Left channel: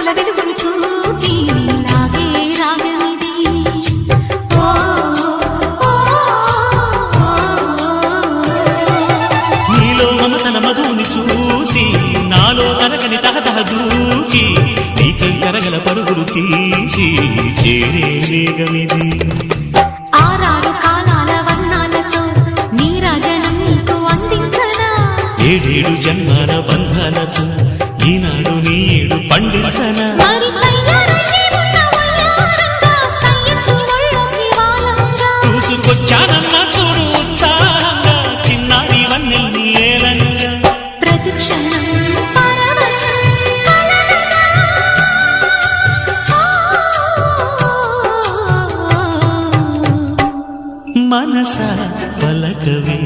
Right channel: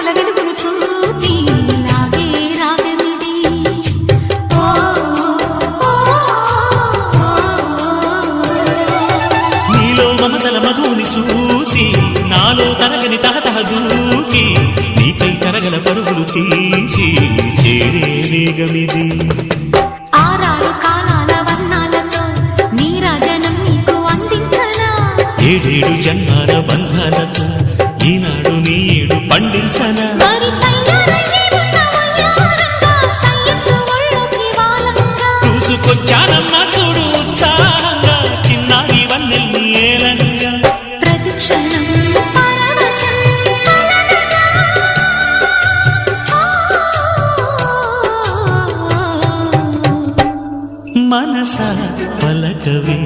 చూపుల వెలుగును చూపి లాగే రాగమిది. ఓ నీలో మమతల మధుని చూసి నాలో తరగని తహతహ దూకి నీకై తరగల పరుగులు తీసి చేరే వేగమిది. ఆరారు కాలాల వర్ణాలతో నీరాజనం నీకు అందించనా, ఏడేడు జన్మాల బంధాలతో ఈనాడు నీడు పండించనా. మరి తయారయ్యే ఉన్న వయ్యారంగా సయ్యత్తు ఒళ్ళోకి వాలంగా చూసుకొచ్చానమ్మా చూడు ఉత్సాహంగా చిన్నారి వన్నెల్ని ఏలంగా. ప్రతిక్షణం పరవశం కలగగా. మనసా పలకవే